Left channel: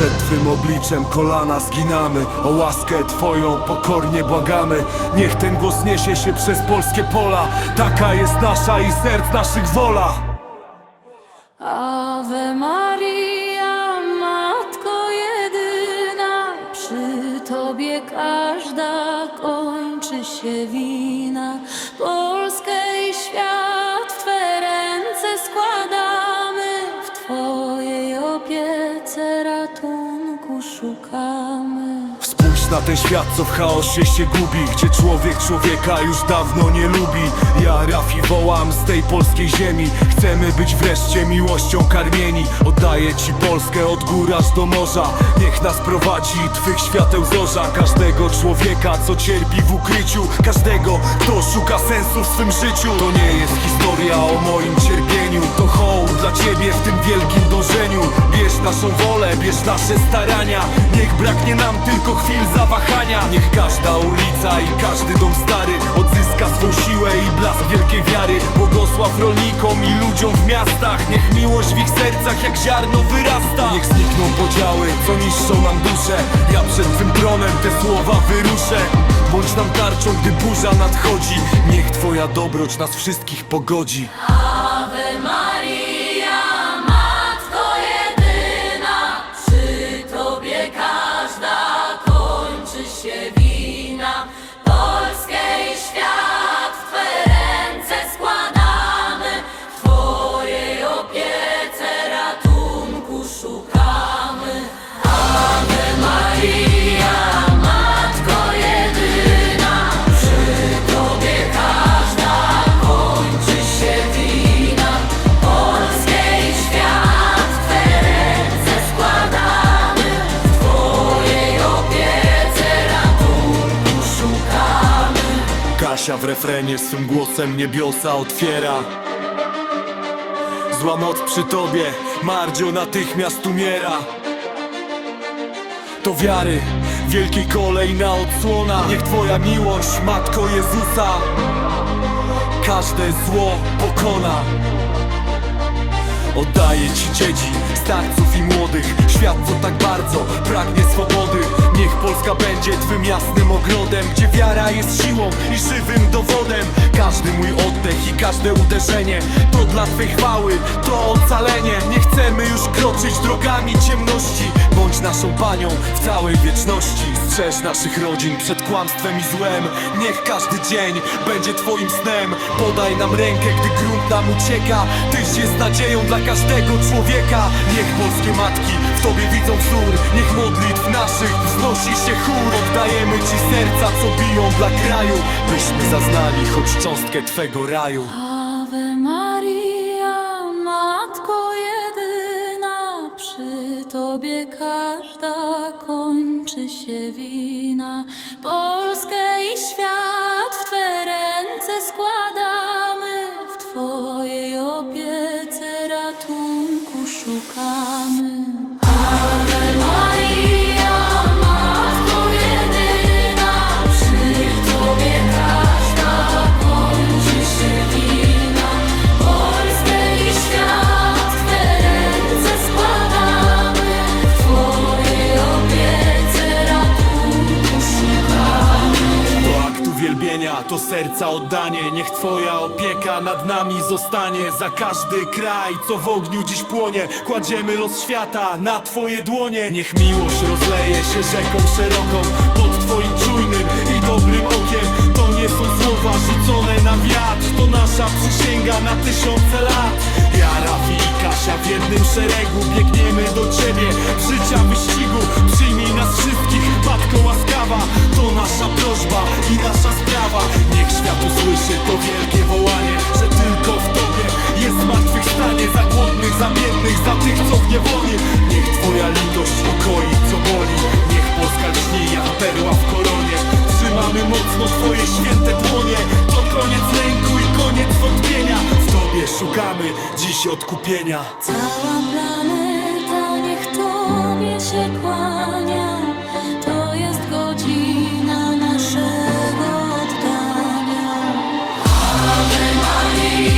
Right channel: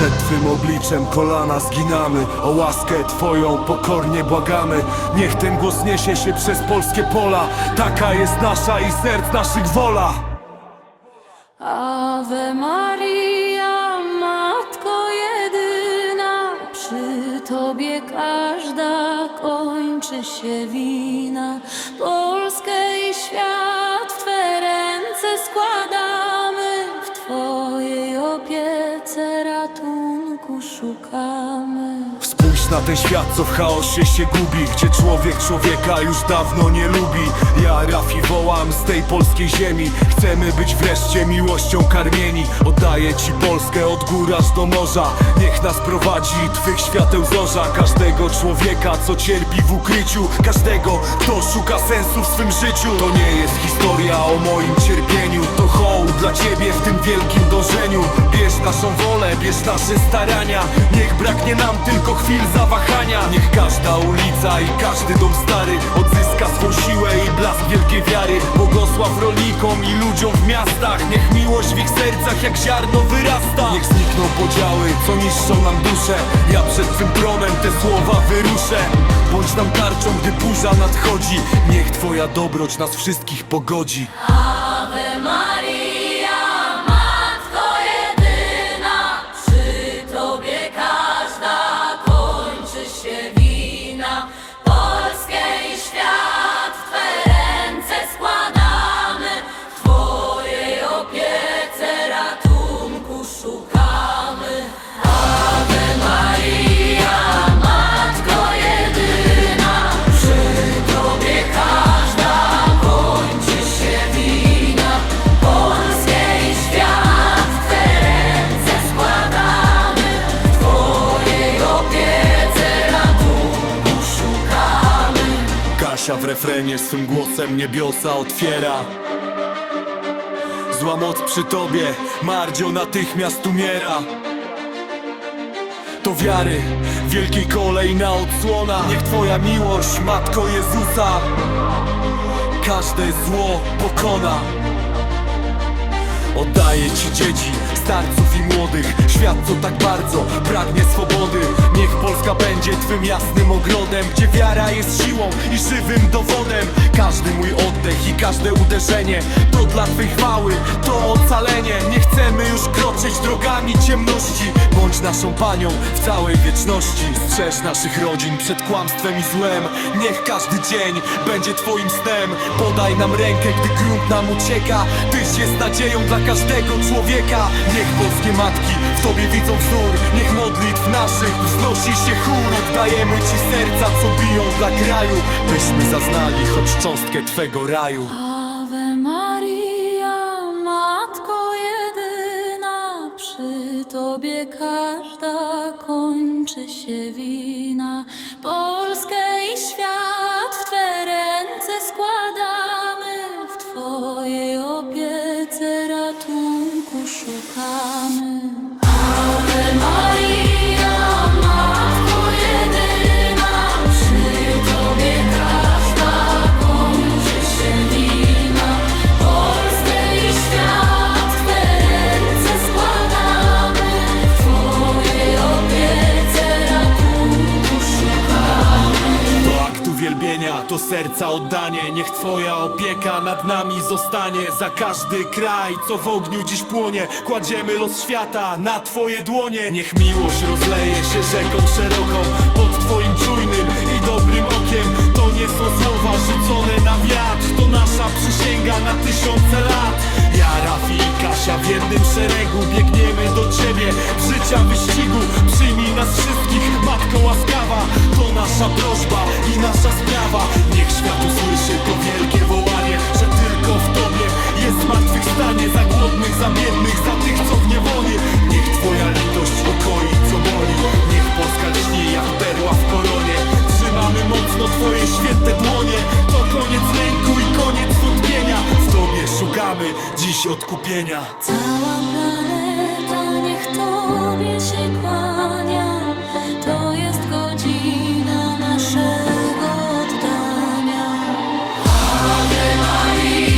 Przed Twym obliczem kolana zginamy O łaskę Twoją pokornie błagamy. Niech ten głos niesie się przez polskie pola Taka jest nasza i serc naszych wola. Ave Maria, Matko jedyna, przy Tobie każda kończy się wina. Polskę i świat w Twe ręce składamy, szukamy. Spójrz na ten świat, co w chaosie się gubi Gdzie człowiek człowieka już dawno nie lubi. Ja Rafi wołam z tej polskiej ziemi. Chcemy być wreszcie miłością karmieni. Oddaję Ci Polskę od gór aż do morza. Niech nas prowadzi Twych świateł zorza. Każdego człowieka, co cierpi w ukryciu. Każdego, kto szuka sensu w swym życiu. To nie jest historia o moim cierpieniu. To hołd dla Ciebie w tym wielkim dążeniu. Bierz naszą wolę, bierz nasze starania. Niech braknie nam tylko chwil zawahania. Niech każda ulica i każdy dom stary Odzyska swą siłę i blask wielkiej wiary. Błogosław rolnikom i ludziom w miastach. Niech miłość w ich sercach jak ziarno wyrasta. Niech znikną podziały, co niszczą nam duszę. Ja przed Twym tronem te słowa wyruszę. Bądź nam tarczą, gdy burza nadchodzi. Niech Twoja dobroć nas wszystkich pogodzi. Ave Maria, kończy Kasia w refrenie swym głosem niebiosa otwiera. Zła moc przy tobie, Mardzio natychmiast umiera. To wiary, wielkiej kolejna odsłona. Niech twoja miłość, Matko Jezusa Każde zło pokona Oddaję ci dzieci, starców i młodych. Świat co tak bardzo pragnie swobody. Niech Polska będzie twym jasnym ogrodem Gdzie wiara jest siłą i żywym dowodem. Każdy mój oddech i każde uderzenie To dla twej chwały, to ocalenie. Nie chcemy już kroczyć drogami ciemności. Bądź naszą panią w całej wieczności. Strzeż naszych rodzin przed kłamstwem i złem. Niech każdy dzień będzie twoim snem. Podaj nam rękę, gdy grunt nam ucieka. Tyś jest nadzieją dla każdego człowieka. Niech polskie matki w tobie widzą wzór. Niech modlitw naszych wznosi się chór. Oddajemy ci serca, co biją dla kraju Byśmy zaznali choć cząstkę twego raju. Ave Maria, Matko jedyna, przy Tobie każda kończy się wina. Polskę i świat w Twe ręce składamy, Twojej opiece ratunku szukamy. To serca oddanie. Niech Twoja opieka nad nami zostanie. Za każdy kraj, co w ogniu dziś płonie Kładziemy los świata na Twoje dłonie. Niech miłość rozleje się rzeką szeroką Pod Twoim czujnym i dobrym okiem. To nie są słowa rzucone na wiatr To nasza przysięga na tysiące lat. Ja, Rafi i Kasia w jednym szeregu Biegniemy do Ciebie. Życia wyścigu Przyjmij nas wszystkich, Matko łaskawa. To nasza prośba i nasza sprawa Niech świat usłyszy to wielkie wołanie Że tylko w Tobie jest zmartwychwstanie. Za głodnych, za biednych, za tych co w niewoli. Niech Twoja litość ukoi co boli. Niech Polska lśni jak perła w koronie. Trzymamy mocno Twoje święte dłonie. To koniec lęku i koniec wątpienia. W Tobie szukamy dziś odkupienia. Cała planeta niech Tobie się kłania. To jest godzina naszego oddania. Ave Maria.